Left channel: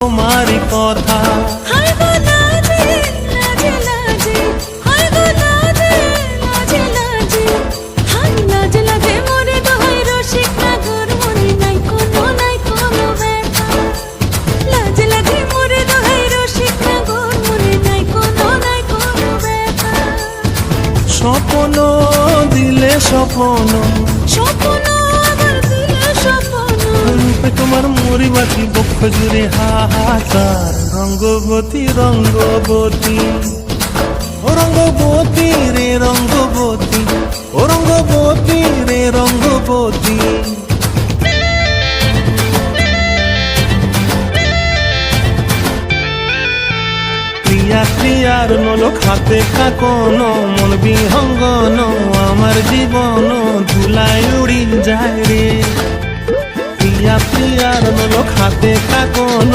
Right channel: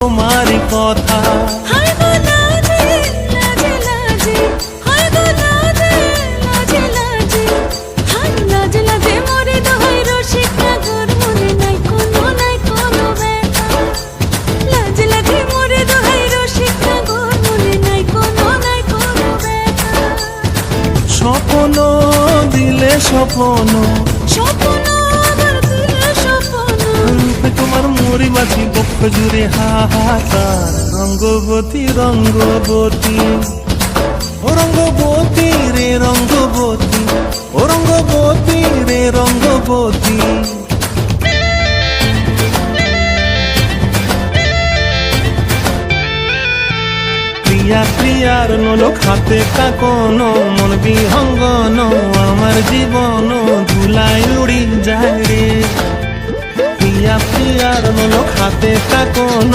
তোমারই কথা। হায় গো লাজে লাজে লাজে, হায় গো লাজে লাজে লাজে, হায় লাজে লাজে মোরে দোহাই রসিক নাগর, মনে নাই কোনো ব্যথা। লাজে লাজে মোরে দোহাই রসিক নাগর, মনে নাই কোনো ব্যথা। স্বপ্ন দিলে স্বপ্ন, স্বপ্ন আবার দিলে স্বপ্ন, রূপে তোমার মরি বাছি বক্ষ জুড়ে হাহাকার। রঙ্গবতী রঙ্গবতী ও রঙ্গবতী রে রঙ্গবতী, ও রঙ্গবতী রে রঙ্গবতী। ক্রিয়া ক্রিয়ার নলক হাতে কাকন, মন বিহঙ্গন আমার জীবন ধুলাই উড়ি যায় রে। প্রিয়া প্রিয়ার নলক হাতে কাকন।